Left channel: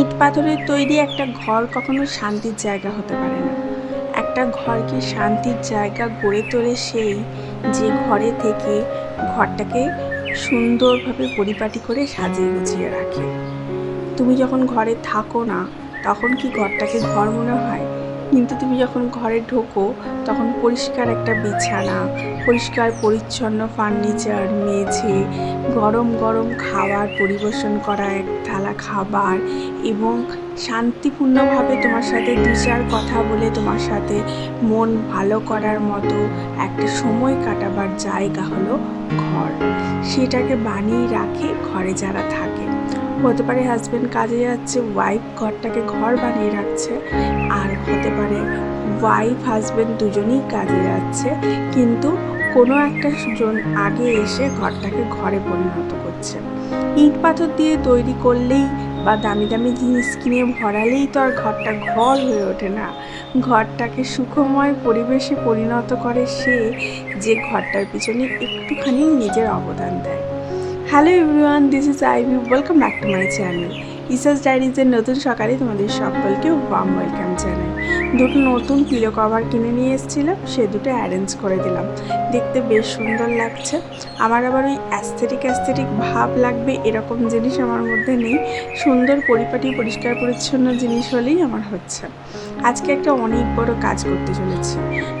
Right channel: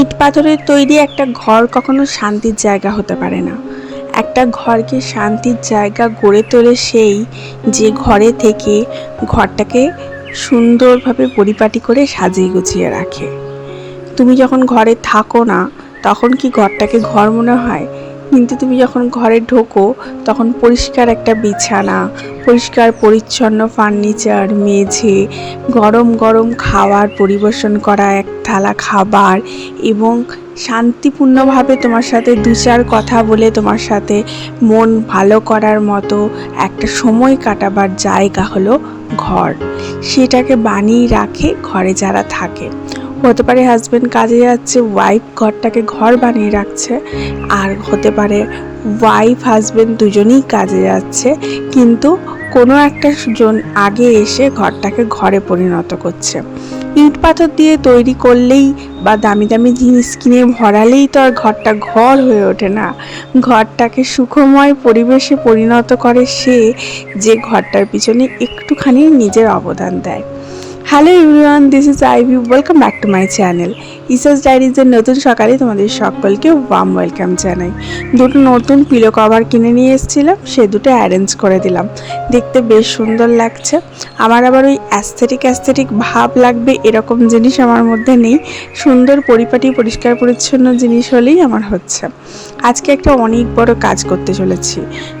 ইট পাথরের তৈরি একটা ঘর কখনো শান্তির জায়গা হতে পারে না একটা ঘরকে শান্তির জায়গা গড়ে তোলে সেই যে ঘরে থেকে ঘরটাকে সুন্দরভাবে পরিপাটি করে সাজিয়ে গুছিয়ে রাখে তুমি যখন ঘরে থাকো না তখন কি ঘরটাকে ঘর মনে হয় কিন্তু তুমি যখন ঘরে ঢোকো তখন পরিষ্কার একটা বিছানা পরিষ্কার পরিচ্ছন্ন ফার্নিচার মেঝে গরম গরম খাবার পরিবেশন করা এক থালা খাবার এবং শান্তিপূর্ণভাবে তোমার সাথে দু চার কথা বলে তোমার সাথে মন ভালো করার মতো একটা সময় কাটাবার জায়গা হলো ঘর সেটাকে বানিয়ে রাখে ঘরে যারা থাকে হতে পারে হাজব্যান্ড কাজে যাচ্ছে ওয়াইফ ঘরটাকে ঘর বানিয়ে রাখছে আর হতে পারে ওয়াইফ হাজব্যান্ড দুজনেই কাজে যাচ্ছে কিন্তু কোনো একটা জন আগে এসে ঘরটাকে ঘরে পরিণত করছে ইট পাথর দিয়ে তৈরি করলেই বা দামি দামি জিনিস কিনে ভরালেই তো আর ঘরটা ঘর হয়ে ওঠে না ঘরটাকে সুখময় পরিবেশে পরিণত করে সে যে ঘরটার পিছনে একটুখানি নিজের অবদান দেয় Hello everyone, this is Ivy. Welcome back to my channel. ইসাস ডায়েরিজের নতুন সকালে তোমাদের সকলকে ওয়াম ওয়েলকাম জানাই দুটো নতুন পিলো কভার কিনে নিয়ে এসেছিলাম সে দুটো অ্যারেঞ্জ করে দিলাম দেখতে বেশ সুন্দর লাগছে আমার আবার ওই অ্যাস্থেটিক অ্যাস্থেটিক ভাব লাগবে এরকম জিনিস আমার মধ্যে নেই সুন্দর পরিপাটি পরিষ্কার পরিচ্ছন্ন জিনিস হলেই আমার হচ্ছে আজকে একটা অনেক বড় কাজ করতে চলেছি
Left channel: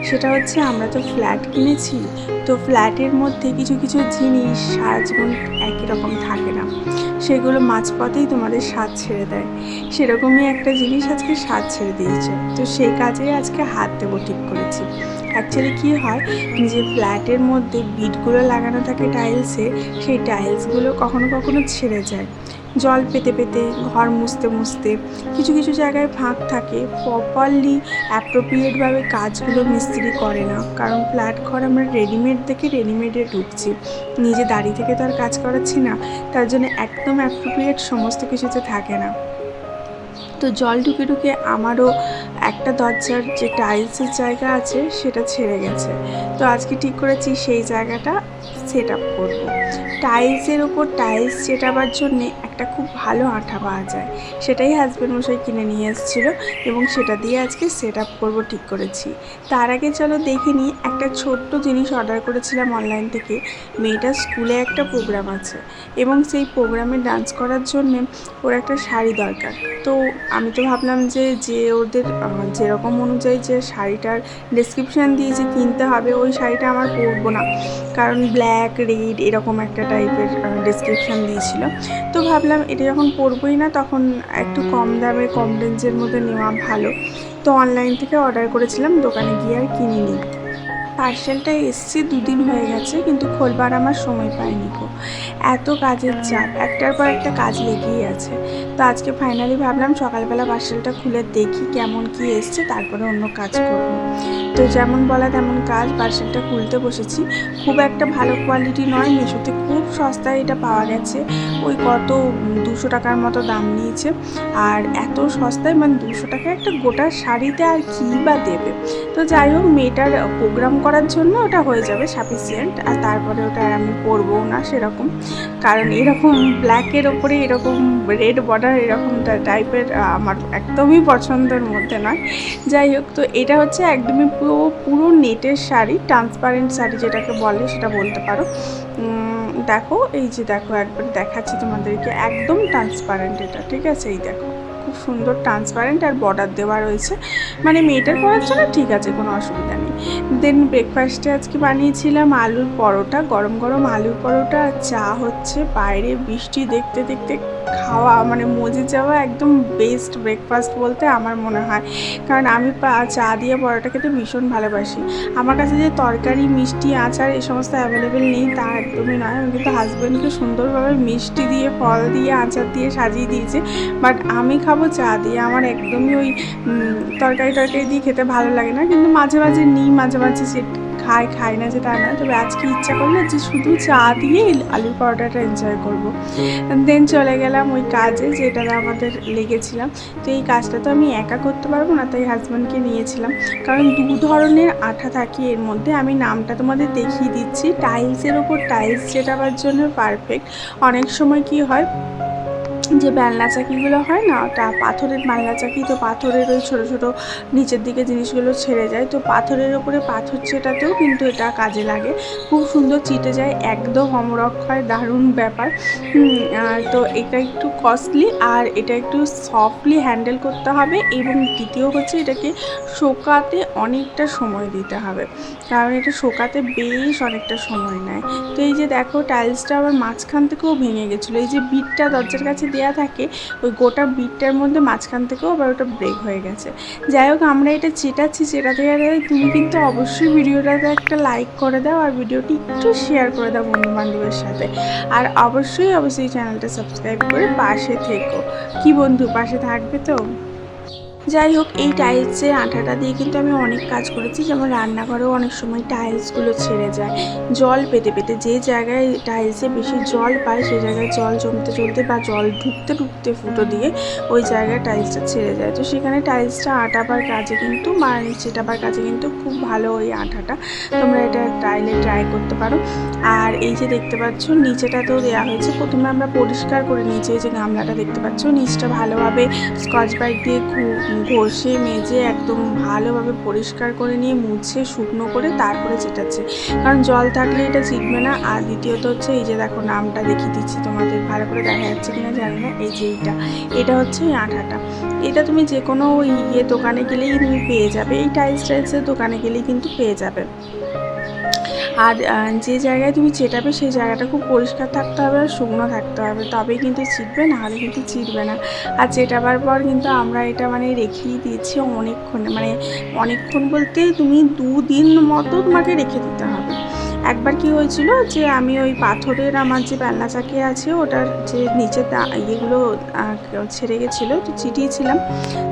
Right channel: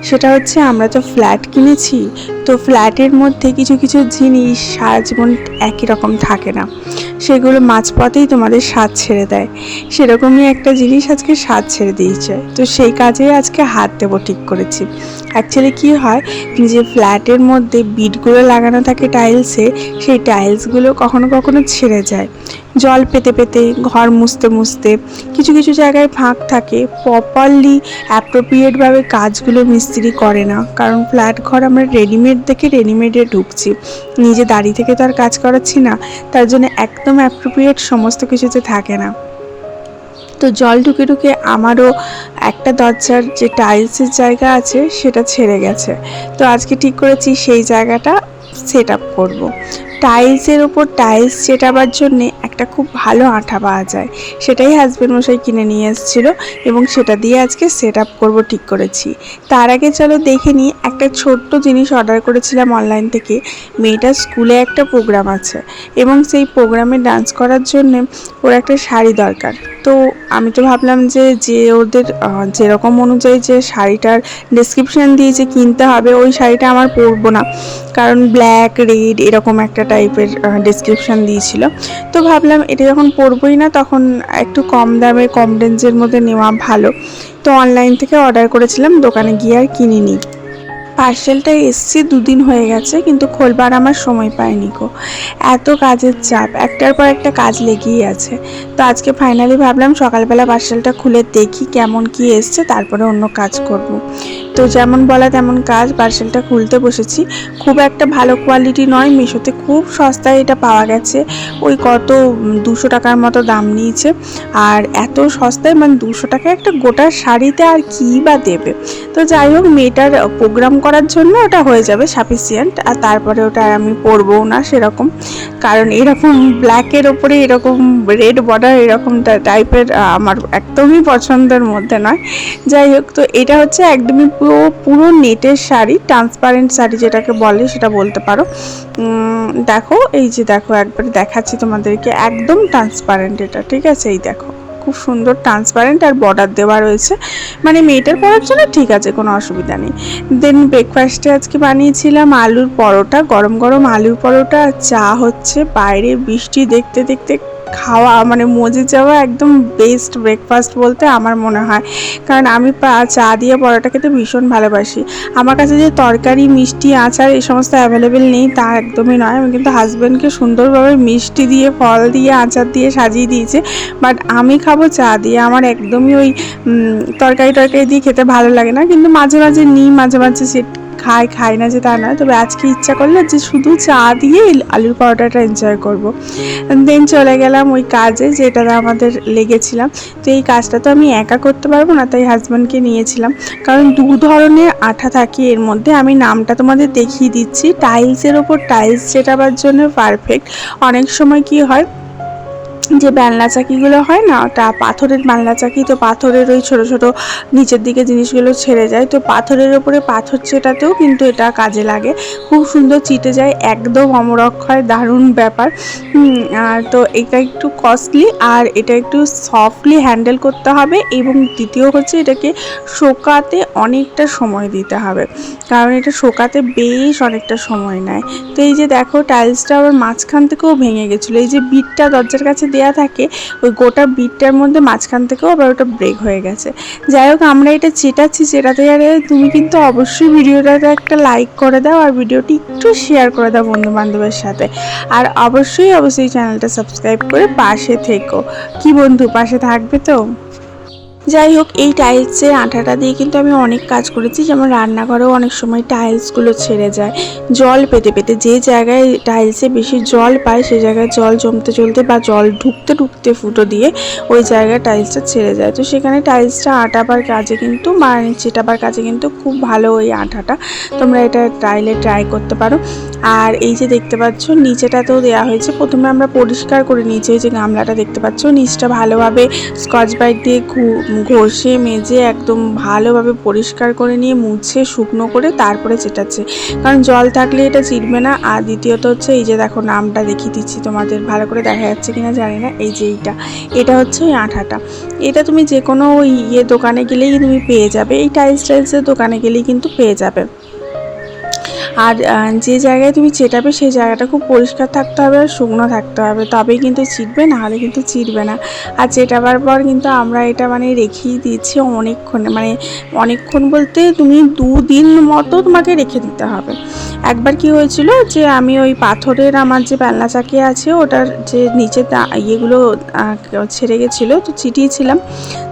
সেটা হচ্ছে আমরা তো ফ্ল্যাট কিনেছি তো ফ্ল্যাটের মধ্যে কিছু কিছু জিনিস সারা জীবন একই রকম থাকে না সেগুলো মাঝপথেই তোমাদের স্বাদ ছেড়ে দেয় সেরকমই একটা জিনিস আজকে স্বাদ ছেড়ে দিয়েছে তো সেই কাজে আজকে হাত দেবো ঠিক করেছি অ্যাকচুয়ালি কি হয় যে ফ্ল্যাটের মধ্যে বিটগুলো লাগানো থাকে টাইলসে সেই টাইলসগুলো কখনো কখনো ছেড়ে যায় জল পেতে পেতে ঘর মুছতে মুছতে কিছু কিছু জায়গায় ফাঁক থাকে প্রপারলি অ্যাপ্রোপ্রিয়েটভাবে কাজগুলো মিস্ত্রি করে না কারণ ফ্ল্যাট ঘর আমরা রেডিমেড দেখে রেডিমেডে ঢুকছি নিজে দাঁড়িয়ে থেকে তো আর কাজ করাচ্ছি না তার জন্য একদম অ্যাপ্রোপ্রিয়েট সমস্ত কিছুতে থাকে না তো জল ঢুকে ঢুকে আমারও একটা দরজার যে টাইলসের জায়গা আছে সেটা ছেড়ে গেছে তো আজকে ঠিক করেছি সেই জায়গাটা সেট আপ করবো টাইলসের ওপর টাইলস চেটাবার জন্যে একটা খুব ভালো আঠা পাওয়া যায় সেটাই হাজব্যান্ড মশাই কিনে নিয়ে এসেছিলো এবং সেটা দিয়ে আজকে সেট আপ করবো ঠিক করেছি তার আগে চলো দেখে নিই একটা ছোট্ট জিনিস অর্ডার করেছিলাম অনলাইন থেকে মেয়েটার স্কুলে একটা প্রোগ্রাম আছে এবং সেই প্রোগ্রামে ডান্স করার জন্যে ওর একটা শাড়ি দরকার তো আমি তো ভাবলাম যে যে ওদের যেরকম অনুযায়ী যে শাড়িটার ডিসক্রিপশান দিয়ে যে কিনতে হবে ওই শাড়িটা আমার পরবো না কারণ ব্ল্যাক রেড এরকম একটা টাইপের ডিসক্রিপশান দিয়েছিল তো ভাবলাম এটা যখন পরবই না তখন একটু কম দামে কম রেঞ্জের মধ্যে নেওয়া ভালো তো অনলাইন থেকে অর্ডার করেছিলাম দোকানে গিয়ে আর কিনিনি পার্সেলটা এসছে দুদিন হয়ে গেছে কিন্তু খোলবার আমার সময় পাইনি গো এত কাজের চাপ একটার পর একটা কাজ লেগেই আছে তো আজকে ফাইনালি ভাবলাম সকালবেলা পার্সেলটা খুলে দেখি কেমন কি এসছে তারপরে অন্য কাজ করব। তো যেমন বলা তেমন কাজ পার্সেলটা খুলতে বসেছি খুব একটা ভালো কোয়ালিটি নয় মিশোতে খুব সস্তায় এটা পাওয়া গেছে ওই কত দুশো টাকার মতো দাম নিয়েছে আর এত সস্তায় মানে দুশো টাকা একটা গোটা শাড়িতে আর কী বা দেবে তো যাই হোক মেয়েটার প্রোগ্রাম করার জন্য ওটা হয়ে যাবে সাফিসিয়েন্ট আর তারপরে ওটা আর আমি পরবও না সেরকম কারণ এরকম ব্ল্যাকের ওপরে এরকম রেড বর্ডার এরকম টাইপের আমার একদমই পছন্দের মধ্যে নয় যাই হোক তো এটা হচ্ছে একদমই পুরো পুরো নেটের শাড়ি ট্রান্সপারেন্ট শাড়ি যেটাকে বলে সেটা বলতে পারো দেখো এই যে দেখো একবার দেখাচ্ছি তোমাদেরকে একদম ট্রান্সপারেন্ট এটা ঠিক আছে এই দেখো খুব সুন্দর ট্রান্সপারেন্ট আর বর্ডার দেওয়া রয়েছে মানে মেয়েটার পরার জন্য ঠিক আছে কোনো অসুবিধা নেই দেন ব্রেকফাস্টে আজকে বানিয়েছিলাম আলুর পরোটা গরম গরম আলুর পরোটা চা হচ্ছে বাইরে বৃষ্টি দেখতে দেখতে খাওয়া মানে মজে যাওয়া একদম বেস্ট ব্রেকফাস্ট বলতে আমার মনে হয় কারণ আমি চা দিয়ে পরোটা খেতে ভীষণ ভালোবাসি আমার কাছে যে তরকারি মিষ্টি আচার এই সমস্ত অ্যাভেলেবেল নেই তা একদমই নয় আমি কিন্তু হাজব্যান্ডকে সুন্দরভাবে মিষ্টি দিয়ে ফল দিয়ে আচার দিয়ে সাজিয়ে দিয়েছে বাট আমি খাবো চা দিয়ে আমার একদমই ওই তরকারি টরকারি দিয়ে খেতে ভালো লাগে না কিন্তু মাঝে মাঝে নিই মাঝে মাঝে সে খায় খায় না যে তা না তবে আজকে ইচ্ছা করলো যে শুধু চা দিয়ে আলুর পরোটাটা এনজয় করব দেন চলে গেলাম ওই কাজে যেটা আমাদের লেগেছিলাম তো এই কাজটা তো আমি একা করতে পারবো না তাই হাজব্যান্ডকে নিয়েছিলাম কারণ দু ধরনের আঠা থাকে এর মধ্যে আমি নামটা তোমাদের দেখিয়ে দিচ্ছি টাইলসের ওপর টাইলস যেটা জন্য পারফেক্ট অনেক সময় কি হয় যে বেলনা চাকিগুলো হয় না তা পাথরের বেলনা চাকি তো পাথরের ওই ছোট ছোট নিচের দিকে জিনিসগুলো ছেড়ে যায় তো পাথরের ওপরে পাথর চেটাতেও কিন্তু এটা কাজে লাগে খুব সুন্দর চিটে যায় একদম অমরক্ষয় দারুণ ব্যাপার তো এটা একটু কস্টলি আর এটা একটু সফটলি হ্যান্ডেল করতে হবে এবং দ্বিতীয় হচ্ছে এটাকে শোকাতে অনেকটা সময় দিতে হবে কারণ এটা শোকাতে বেশ অনেকটা সময় নেয় তো এই যে দেখো টাইলসটা আবার মাঝখান থেকেও ভেঙে গেছিলো এই যে বিটটা দরজার কাছে দেওয়া থাকে ওই গোটা বিটটার মধ্যে মাঝখান থেকেও আবার ওটা ব্রেক হয়ে গেছে যাই হোক আমরা এটা চেটাচ্ছি চেটাতে আরে তুমি কিন্তু অবশ্যই ভিডিওটাতে একটা লাইক করে দাও আর ভিডিওটি একটু শেয়ার করে দাও বন্ধু বান্ধবের সাথে আর অবশ্যই অবশ্যই চ্যানেলটা সাবস্ক্রাইব করে পাশে থেকো কি বন্ধু পাশে থাকবে তো যাই হোক এই টাইলসের আঠাটা দিয়ে কিন্তু আমি অনেক কাজ করেছি যেমন রান্নাঘরেও অনেক সময় টাইলসগুলো ছেড়ে যায় জল পেতে পেতে যে জায়গায় টাইলসে বেশি জল পায় সেই জায়গায় জল জমতে চলতে বা জল ঢুকতে ঢুকতে ফুটো দিয়ে ওই জায়গায় টাইলসটা ছেড়ে যায় তো সেখানে টাইলসটা আটাবার কাজে কিন্তু মানে চেটাবার কাজে কিন্তু খুব ভালো ওই আঠাটা তোমরা এটা টাইলে ট্রাই করতে পারো আর এই যে দেখতে পাচ্ছ নিচেটাতেও দেওয়া হয়েছে প্রথমে আমরা পরিষ্কার করে নিয়েছি এই যে গামলাটা দেখতে পাচ্ছ নিচটা ভালোভাবে স্কচ ব্রাইট দিয়ে ঘু ঘষে মেজে একদম ভালোভাবে পরিষ্কার করে নিয়ে মুছে শুকনো করে তারপরে চেটাচ্ছে কারণ জল থাকলে এটা চিটবে না আর দ্বিতীয়ত হচ্ছে এই যে দেখো নামটা দেখিয়ে দিচ্ছি তোমাদের ভালো করে দেখা যাচ্ছে কি না জানি না এই যে এইটা এটা হচ্ছে এই আঠাটা এটা তুমি যে কোনো ইয়ে দোকানে গেলেই তুমি পেয়ে যাবে এই টাইলস টাইলসের দোকানে গেলেই কিন্তু পেয়ে যাবে আর যে জায়গায় তুমি চেটাবে সেই জায়গাটা খুব পরিষ্কার থাকতে হবে আর শুকনো থাকতে হবে তবেই কিন্তু না নাহলে কিন্তু চিটবে না আর চেটাবার পর কিন্তু আমরা এটা মানে রেখেই দিয়েছি অনেকক্ষণ মানে অনেকক্ষণ বলতে তুমি দুদিন মতো তোমাকে রেখে দিতে হবে একবার কি হয়েছিল যে আমি ওই পাথরের আমার যে পেলনা চাকি আছে ওটার যে নিচে ইয়েগুলো ছেড়ে গেছিলো তো চিটিয়েছিলাম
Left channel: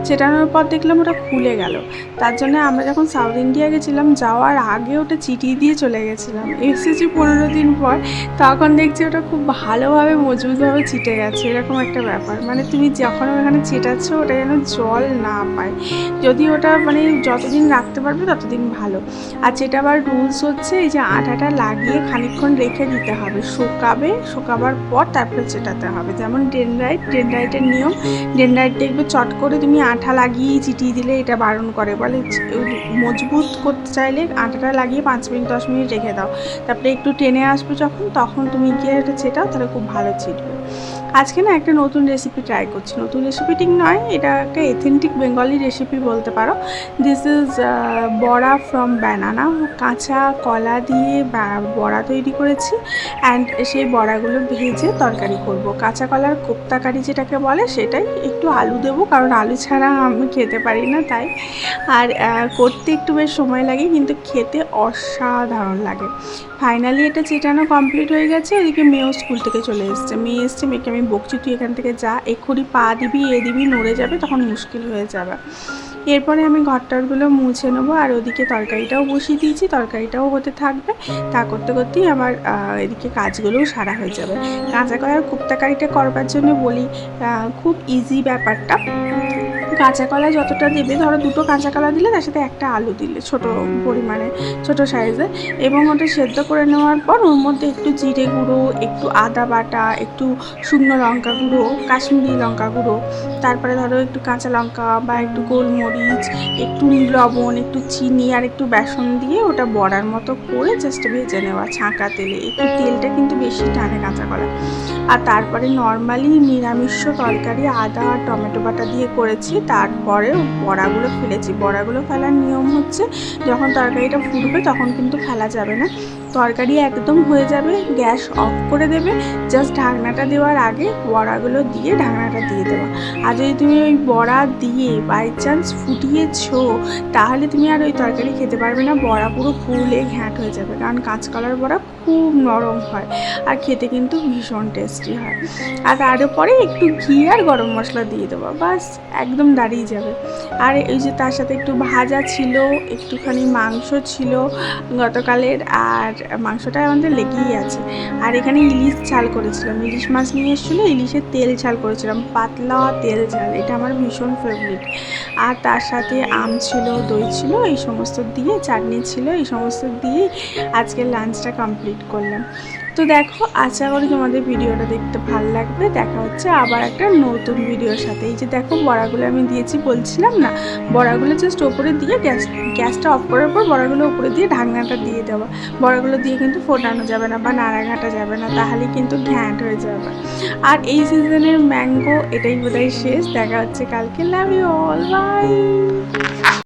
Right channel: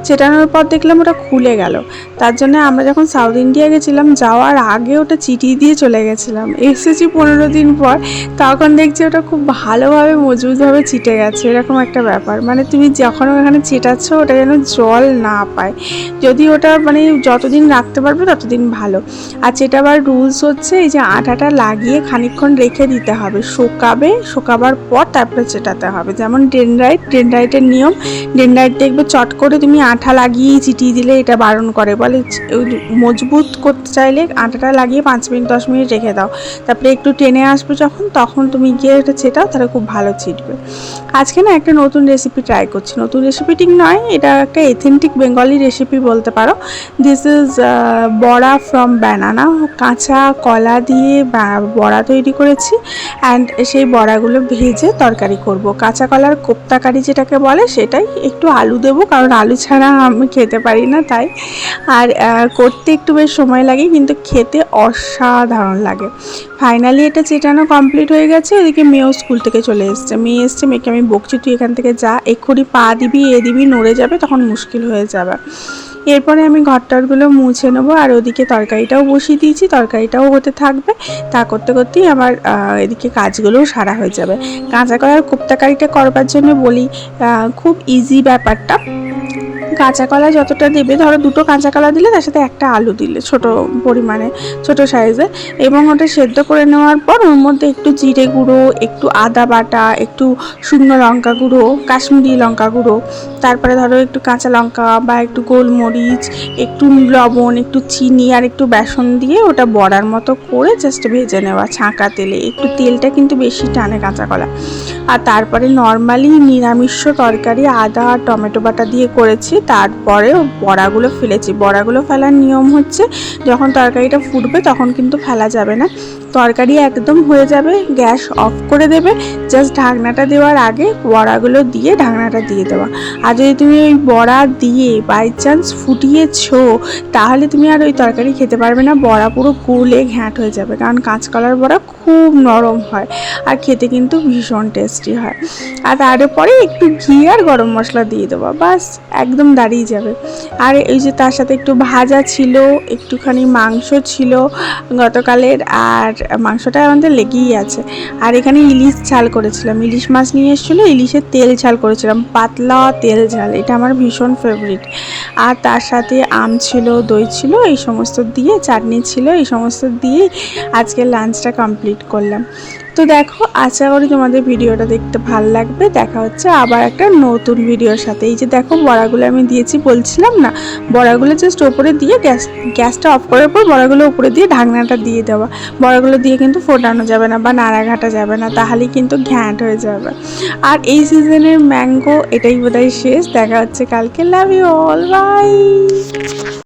চেটানোর পর দেখলাম ওটা খুলে গেল তার জন্য আমরা যখন সাউথ ইন্ডিয়া গেছিলাম যাওয়ার আগে ওটা চিটিয়ে দিয়ে চলে গেছিলাম এসেছি পনেরো দিন পর তখন দেখছি ওটা খুব ভালোভাবে মজবুতভাবে চিটে গেছে এরকম একটা ব্যাপার মানে তুমি যখন ওখানে চেটাচ্ছ ওটা যেন জল না পায় যদি ওটা মানে যতদিন রাখতে পারবে ততদিন ভালো আর চেটাবার রুলস হচ্ছে এই যে আটাটা লাগিয়ে খানিক্ষণ রেখে দিতে হবে শোকাবে শোকাবার পর তারপরে চেটাতে হবে যেমন ডেনরাইট ডেনরাইটের নিয়ম ডেনরাইট দেখবে চট করে তুমি আঠা লাগিয়ে চিটিয়ে দিলে এটা বারণ করে বলে মজবুত করতে চাইলে আঠাটা লাগিয়ে পাঁচ মিনিট দশ মিনিট রেখে দাও তারপরে একটু টেনে আসবে যখন তখন তুমি গিয়ে এটা ছেটাও তাহলে খুব ভালো ছিটবে আজকে না একটা নতুন রেসিপি ট্রাই করছি নতুন রেসিপিটি নয় এটা একটা এথেন্টিক বেঙ্গলি রেসিপি বলতে পারো this is bora from banana কাঁচা কলা দিয়ে বড়া তৈরি করেছি অ্যান্ড সেই বড়াগুলো ভেজে তরকারি করব। কাঁচা কলার কোপ্তাকারি যেটাকে বলে সেটাই একটু আলু দেবো কারণ আলু ছাড়া আমি খেতে পারি না তাই আর করতে একটু বেশ সময় লাগে কিন্তু খেতে অসাধারণ লাগে ফাইনালি এটা চেটানো কমপ্লিট হয়ে গেছে এদিকে মেয়েও স্কুল থেকে চলে এসছে মেয়ে এসছে মেয়েকে আমি বকছি তুই এখান থেকে যা এক্ষুনি পা দিবি এ দিবি নড়ে যাবে তখন মুশকিল হয়ে যাবে এরপরে আমি ঘরটারগুলো মুছে নেবো আর ওদিকে তরকারিটাও বসিয়ে দিয়েছি তরকারিটাও হতে থাকবে তা করতে করতেই আমার এদিকে কাজগুলোও সারা হয়ে যাবে কাঁচা করার কোপ্তাকারিটা করবার জন্য বলি খুব ইজি ব্যাপারটা কাঁচা কলা যতটা দেবে ধরো দুটো কাঁচা কলা দিলে তার সাথে একটা আলু দিলে ছোট পরিমাণে ছোট সাইজে এবং ওটা সেদ্ধ করে নেওয়ার পর ওর মধ্যে একটু জিরে গুঁড়ো একটু আদা বাটা একটু শুকনো লঙ্কা গুঁড়ো কাশ্মীরি লঙ্কা গুঁড়ো তারপরে ধরো একটু কাঁচা লঙ্কা বা একটু গোলমরিচ একটু লবণ একটু চিনি আর একটু বেসন দিয়ে ওটা বড়ার মতো করে জাস্ট ভেজে নেওয়া ছাঁকা তেলে একটু তেলটা কিন্তু বেশি টানে কাঁচা কলা আর তারপরে নর্মালি নিরামিষ তরকারি আদা আর টমেটো বাটা দিয়ে করেছি তারপরে বড়াগুলো ফেলেছি বড়াগুলো ফেলার নিয়ম হচ্ছে যখন তরকারিটা ফুটবে তখন কিন্তু ফেলা যাবে না তরকারি একদম হয়ে যাবে গ্যাস অফ করে দেবে জাস্ট ঢাকনাটা দেওয়ার আগে বড়াগুলো দিয়ে ঢাকনাটা দিয়ে দেওয়া আর যদি তুমি ওই বড়া দিয়ে বাই চান্স ফুটিয়েছ তাহলে তুমি আর ওই তরকারি খেতে পারবে না বড়া পুরো ফুলে ঘ্যাঁট হয়ে যাবে কারণ কাঁচকলার বড়া খুব নরম হয় আর খেতে কিন্তু ভীষণ টেস্টি হয় আর তার উপরে একটু ঘি আর গরম মশলা দিয়ে দেবো বাস একদম দাঁড়িয়ে যাবে আর এই যে তার সাথে একটু ভাজা ছিল একটুখানি মাংস ছিল গতকালের আর মাংসটা আমাদের লেগেই আছে আর এখানে ইলিশ ঝাল করেছিলাম ইলিশ মাছ নিয়ে এসেছিলো ইলিশের তেল ঝাল করেছিলাম পাতলা তেল ঝাল এটা আমার ভীষণ ফেভারিট আর তার সাথে আম ছিল দই ছিল এই সমস্ত দিয়ে চাটনি ছিল এই সমস্ত দিয়েই আজকের লাঞ্চটা কমপ্লিট কমপ্লিট করলাম তো দেখো আশা করি তোমাদের ভিডিওটা দেখতে ভাল লাগবে দেখা হচ্ছে আবার একটা নতুন ভিডিওর সাথে এই যে দেখো বড়াগুলো আমি দিয়েছি বলছিলাম না বড়াগুলো জাস্ট ওপরে দিয়ে গ্যাস গ্যাসটা অফ করার পর বড়াগুলো উপরে দিয়ে ঢাকনাটা দিয়ে দেওয়া বড়াগুলো দিয়ে কিন্তু ফোটানো যাবে না বা নাড়াঘাটা যাবে না তাহলেই কিন্তু ঘ্যাঁট হয়ে যাবে আর এই সিজনের ম্যাঙ্গো এটাই বোধহয় শেষ দেখা হচ্ছে কালকে লাভ ইউ অল বাই